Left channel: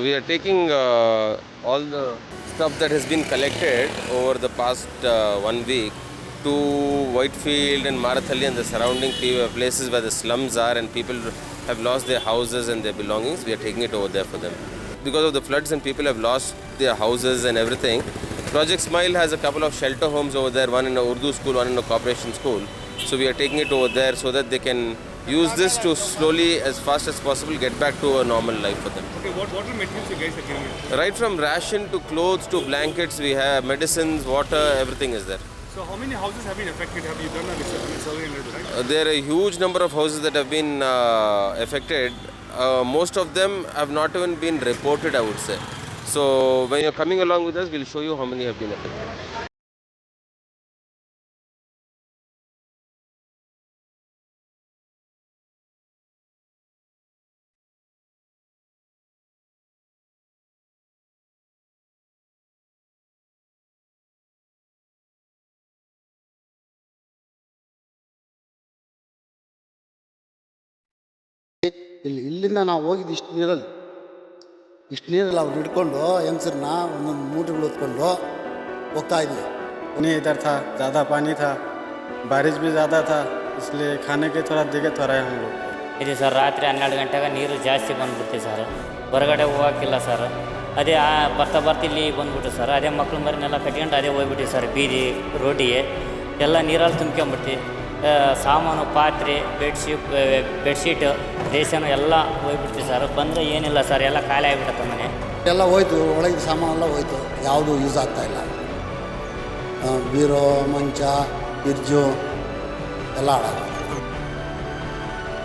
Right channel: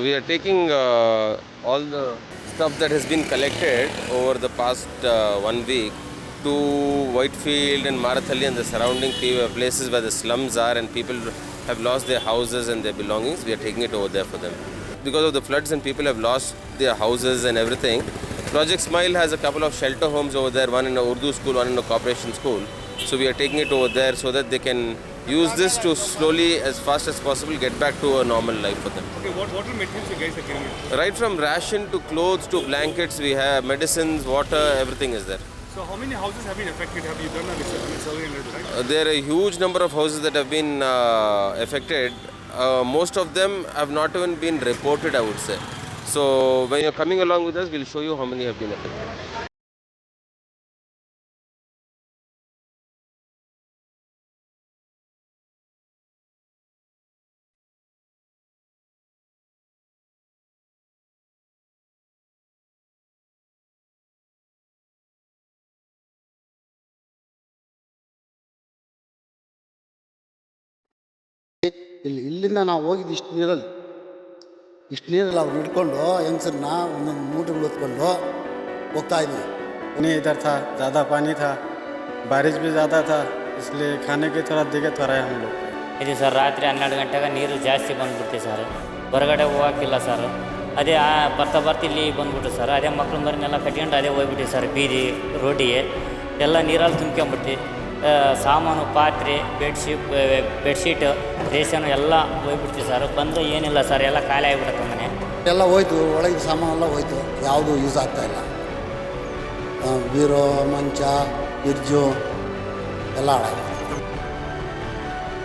We are taking all the stuff that has been collected over the past 1 week to Whitefield and Marathalli and the surrounding places where the slums are and people have lost their houses and their belongings. We are taking it over there for them. Because of the floods and people have lost their houses and everything, Project Smile has a couple of shelter homes over there, one in a Urdu school, one in a corporation school. So we are taking it over there so that they can use this to slowly, as fast as possible, get back to a normal life for them. Okay, what water materials you guys are carrying? Right from ration to clothes to blankets, we have medicines, water, everything is there. So how many houses have been affected? Have you done a survey and everything, right? There are a huge number of houses that have been affected. Most of them have not even been reported, I would say. So when you're coming along with us, we'll show you how many have been affected. ಇಲ್ಲಿಂದ ನಾವು ಹೋಗಿದ್ದು ಇಷ್ಟು ನೀರಲ್ಲಿ ಅವ್ರು ಹಿಡ್ಕೊಂಡು ಹೆಂಗಸರನ್ನ ಒಂದೊಂದು ಮೂಟೆಗಳು ಹೊತ್ಕೊಂಡು ಹೋಗ್ತಾ ಇದ್ವಿ. नहीं इधर था, ज़्यादा पानी था, बारिश भी ज़्यादा था, इसलिए खाने की थोड़ा दिक्कत हो रहा है हम लोग को. ಇದೆ ಸರ್. ರಾತ್ರಿ 12 ಗಂಟೆಗೆ ನೀರು ಜಾಸ್ತಿ ಬಂದ್ಬಿಡ್ತೀವಿ ಸರ್. ಹೊರಗಡೆ ಹೋಗೋಕ್ಕಿಲ್ಲ ಸರ್. ಅದೇ ಬರ್ತಾ ಇಲ್ಲಿ ಬಂದ್ಬಿಟ್ಟು ಸರ್. ಅದೇ ಮಕ್ಳು ಮರಿನೆಲ್ಲ ಕಟ್ಕೊಂಡು ಅದೇ ಹೋಗ್ಬಿಟ್ಟು ಸರ್. ಬೀದಿ ರೋಡಿಗೆ ಎಲ್ಲ ನೀರಲ್ಲಿ ತುಂಬ್ಕೊಂಬಿಟ್ಟು ಸಾಮಾನು, ಪಾತ್ರೆ, ಬೆಡ್ಶೀಟ್, ರೇಷನು ಎಲ್ಲ ಹೋಗ್ಬಿಡ್ತೀವಿ ಸರ್. ಬಂದರೆ ಏನಿಲ್ಲ ಸರ್, ಎಲ್ಲ ಖಾಲಿ ಆಗಿಬಿಡುತ್ತೆ ಮನೆ. ಎಲ್ಲ ಹೋಯ್ತು, ಒಳಗಿನ ಸಾಮಾನೆಲ್ಲ ಹೋಯ್ತು, ಯಾವುದೂ ಯೂಸ್ ಆಗ್ತಾಯಿಲ್ಲ. ಬೀರೋ, ಮಂಚ, ಫ್ರಿಡ್ಜು ಎಲ್ಲ ಹಾಳಾಗಿದೆ.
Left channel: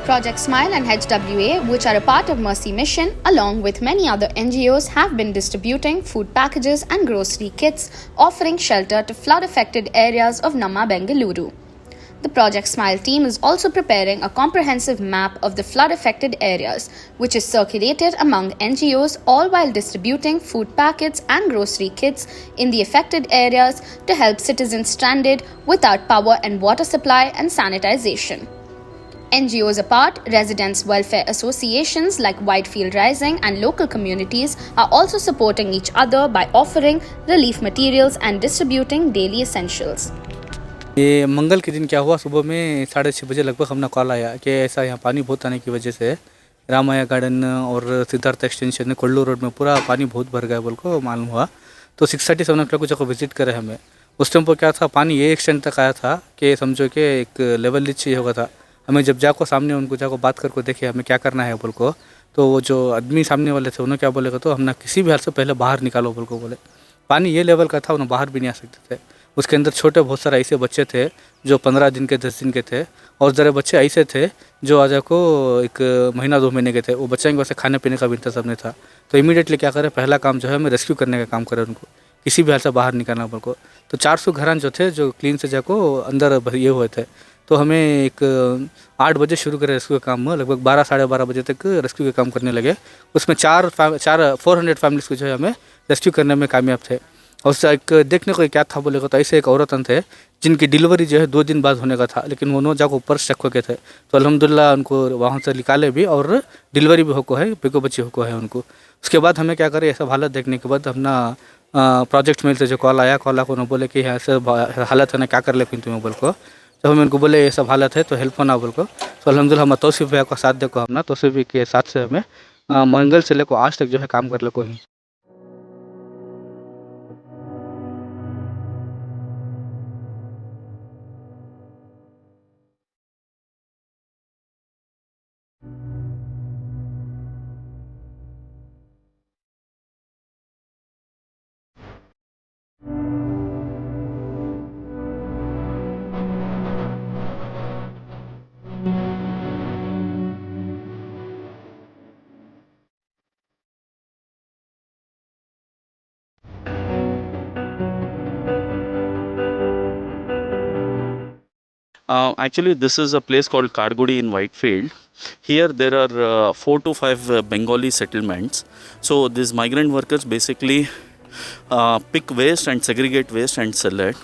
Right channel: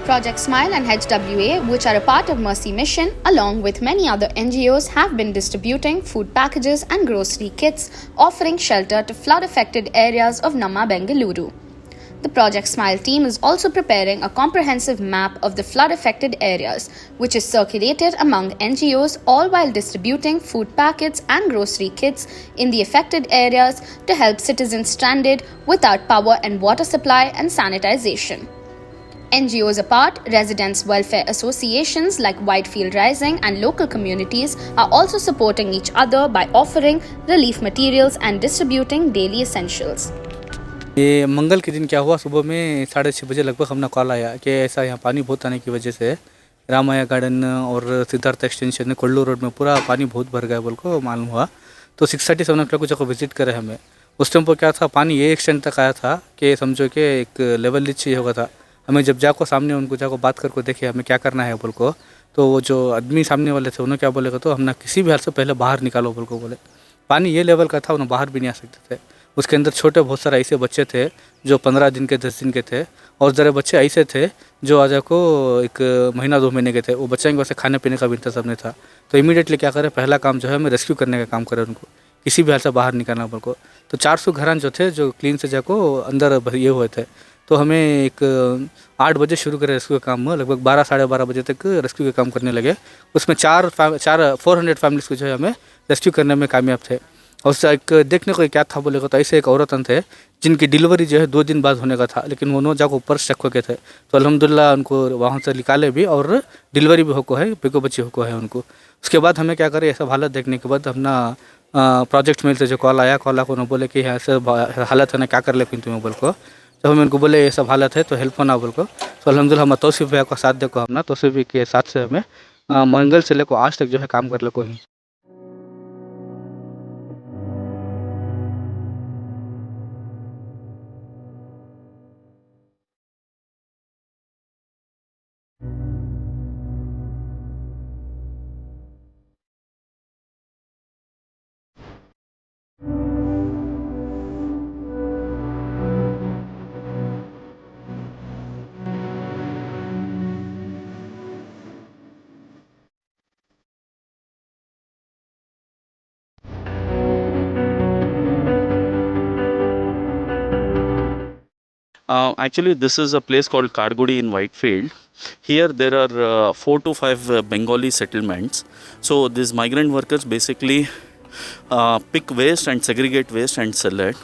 Project Smile and HWA, which are a part of Mercy Mission, along with many other NGOs, have been distributing food packages and grocery kits, offering shelter to flood-affected areas of Namma, Bengaluru. The Project Smile team is also preparing a comprehensive map of the flood-affected areas, which is circulated among NGOs, all while distributing food packets and grocery kits in the affected areas to help citizens stranded without power and water supply and sanitization. NGOs apart, residents' welfare associations like Whitefield Rising and local communities are also supporting each other by offering relief materials and distributing daily essentials. ये मंगल के दिन क्या हुआ, सुबह में 6:30 बजे लगभग हमने कॉल आया कि ऐसा यहाँ पानी बहुत आने की वजह से रामाया गार्डन और सिद्धार्थ एक्सटेंशन कोल्लू रोड में पूरा पानी बहुत भर गया बोल को मालूम हुआ. तो 6:30 7 o'clock को जब विजिट करे हमें, उस टाइम पर क्या था, पानी ये एक्सटेंट तक आया था कि समझो कि एक लेवल नीचे होगा था. हमें जब जाको सामने उनको जाको बात करके देखे हमें क्या करना है बोल को, तो वो जो आदमी सामने वाले थे उन्होंने क्या बोलेगा, तो हमने किसी भी हाल से पहले बाहर निकालो बोल को बोले. पानी ये लेवल का था, उन्हें बाहर भी नहीं आ सकते थे. उसके अंदर छोटे बहुत सारे ऐसे बच्चे थे जो 15 दिन के 10 दिन के थे, और ज़रा बच्चे ऐसे थे जो आज को 1 महीना 2 महीने के थे. वो बच्चे के वैसे खाने पीने का भी इंतजाम नहीं था. तो इमीडिएटली क्या करें, पहला काम जो है हमें रेस्क्यू करने का काम करें, उनको किसी भी हाल से बाहर निकालना बोल को. तो 400 घरान जो थे जो क्लीन से जाको अंदर ये हुए थे. तो हमें एक 8 बजे शुरू करे रेस्क्यू का काम, लगभग 12 साढ़े 12 बजे तक रेस्क्यू का काम करने लगे. उसमें 400 फैमिलीज़ को जो है हमें रेस्क्यू करने में कामयाब थे. और उससे एक देखने को क्या था बोलेगा, तो ऐसे एक औरत थे जिनकी डिलीवरी जो है 2 दिन बाद होने का था, लेकिन वो जाकर ऊपर स्टक हो गए थे. तो अल्हम्दुलिल्लाह उनको वहाँ से निकाले भी और डिलीवरी भी होको है, पिको बच्ची होको है उनको. उसके बाद हमें क्या करें, ऐसा हालत देखने के बाद अपना प्रोजेक्ट मेल से जो कॉल आया को उन्होंने बोले कि ऐसे हालत है ना, क्या कर ले तुम्हें बोल को. जब हम उनको बोले ये सब हालत है तो हेल्प होना बोल को, तो अल्हम्दुलिल्लाह हम तौसीफ़ भैया का साथ देखो, हमने तौसीफ़ के साथ से हमें मंगल से लेकर आज तक जो है काम कर ले को ही. Actually, this is a place called Kargudi in Whitefield. Here there are 4 to 5 Bengali settlements. So these migrant workers basically pick waste and segregate waste and sell it.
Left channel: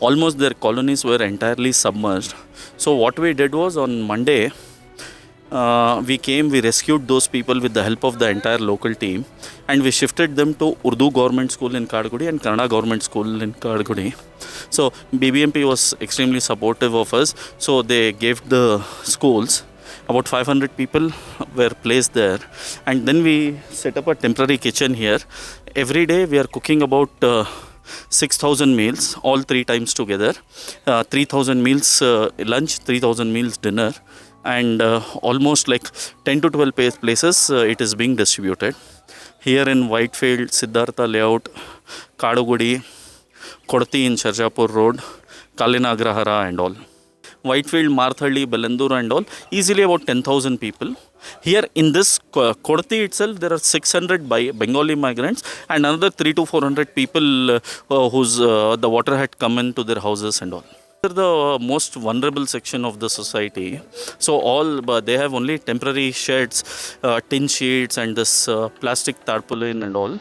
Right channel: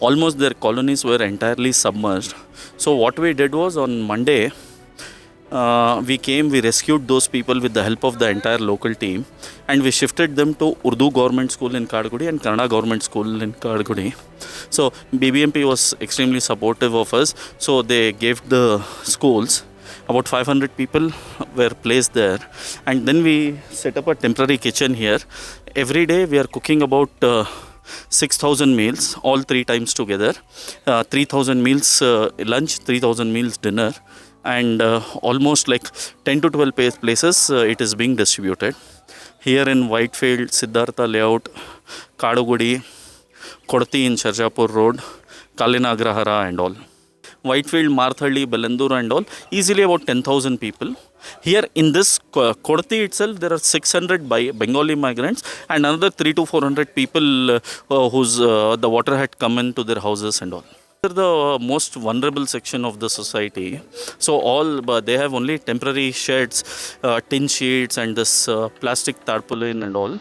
Almost their colonies were entirely submerged. So what we did was, on Monday, we rescued those people with the help of the entire local team, and we shifted them to Urdu government school in Kadgudi and Kannada government school in Kadgudi. So BBMP was extremely supportive of us. So they gave the schools. About 500 people were placed there, and then we set up a temporary kitchen here. Every day we are cooking about 6,000 meals, all 3 times together. 3,000 meals lunch, 3,000 meals dinner, and almost like 10 to 12 places it is being distributed. Here in Whitefield, Siddhartha Layout, Kadugudi, Kodati in Sharjapur Road, Kalinagrahara and all. Whitefield, Marthalli, Belandur and all, easily about 10,000 people. Here in this Kodati itself, there are 600 Bengali migrants and another 300 to 400 people whose the water had come into their houses and all. They're the most vulnerable section of the society. So all they have only temporary sheds, tin sheets and this plastic tarpaulin and all.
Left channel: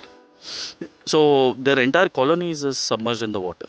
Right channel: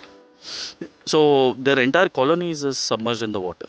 So their entire colony is submerged in the water.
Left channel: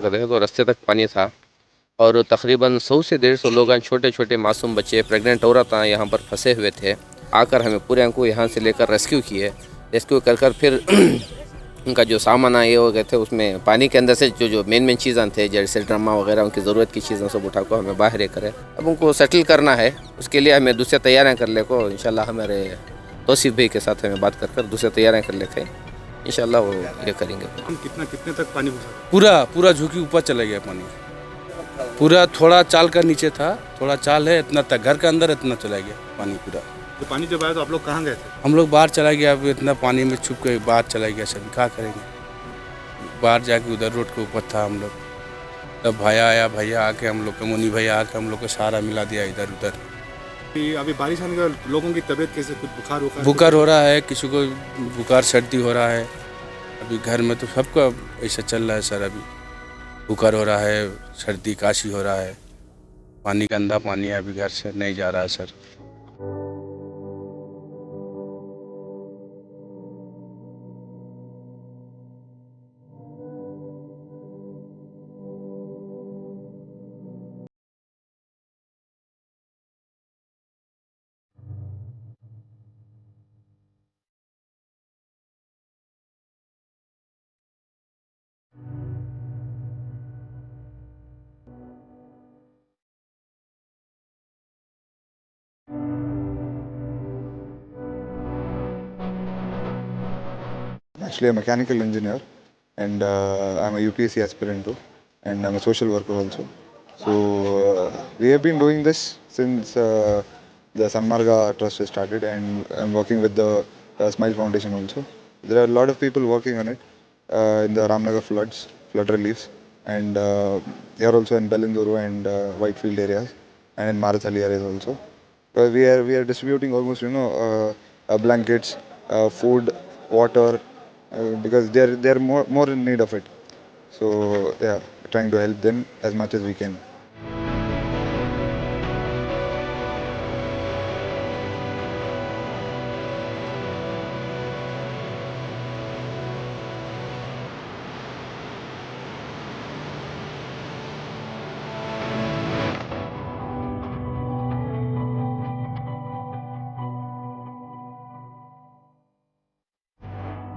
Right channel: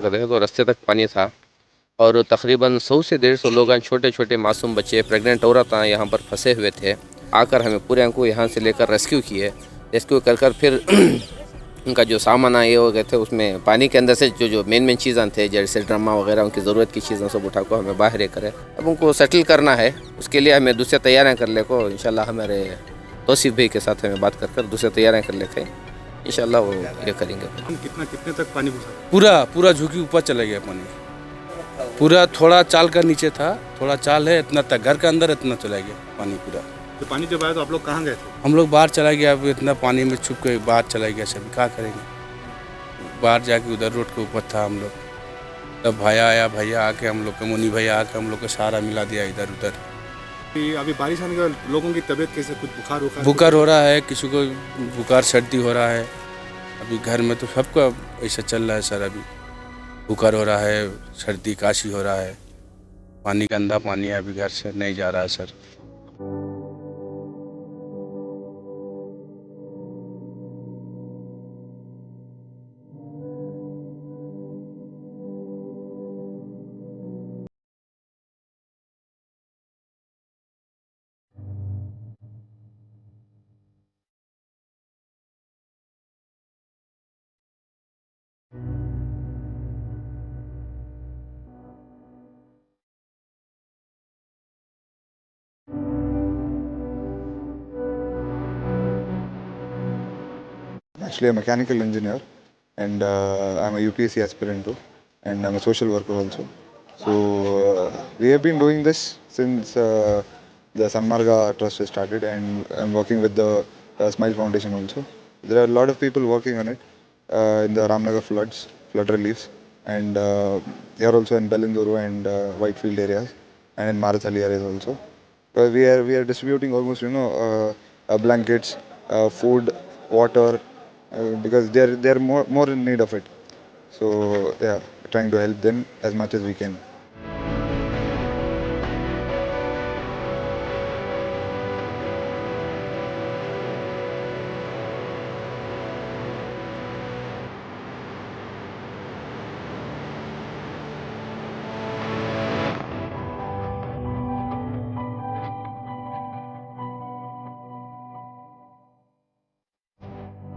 गए तो रास्ते तक पानी था और तकरीबन 100 से 150 लोग छोटे छोटे मासूम बच्चे प्रेग्नेंट औरतें यहाँ पर फंसे हुए थे। आकर हमें पूरे को यहाँ से लेकर रेस्क्यू कर फिर उनका जो सामान आए हो गए थे उसमें पानी के अंदर से जो मेन चीज़ें थे जैसे ड्रामा वगैरह उनकी ज़रूरत की चीज़ें सब उठा को हमें बाहर करें। अब उनको सेटल करना है, उसके लिए हमें दूसरी तैयारियाँ कर ले को इंशाल्लाह हमारे तौसीफ भाई के साथ हमें बात कर दूसरी तैयारियाँ कर लेते हैं, इंशाल्लाह वो ये करेंगे। हम कितने तक पानी घुसा? पूरा झुकी ऊपर चला गया पानी, पूरा थोड़ा चाल का नीचे था, थोड़ा चाल है इतना तक, घर के अंदर इतना चला गया पानी पूरा। तो पानी जब आया तो आप लोग कहाँ गए थे? हम लोग बाहर चला गया, अब इतना पानी में छुप के बाहर चला गया, सभी क्या करेंगे। बाहर जाके उधर रोड के ऊपर था हम लोग, तब भैया आके हम लोग को, मुनी भैया आके हम लोग को सहारा मिला दिया इधर उधर। अभी बारिश आने के बाद लोगों की तबीयत कैसे, कुछ बुखार हो रहा है, किसी को बुखार सर्दी हो रहा है। अभी घर में तो सबका ऐसा चल रहा है सर, अभी बुखार हो रहा है, सर्दी काशी हो रहा है, पानी गंदा पानी है, अभी घर से नहीं जा रहा है sir. Actually, a mechanical engineer, and I'm a UPSC aspirant too, and I'm a social worker also. So we have been doing this since the Sanmarga Trust has started, and I'm working with the Smile Foundation also. There are a lot of people working on it in the Ramnagar flood reliefs, and they are also in Belinduru and Whitefield areas, and in Marathali areas also. We are distributing almost blankets, food, water, because they're more in need of it. So yeah, trying to help them as much as we can.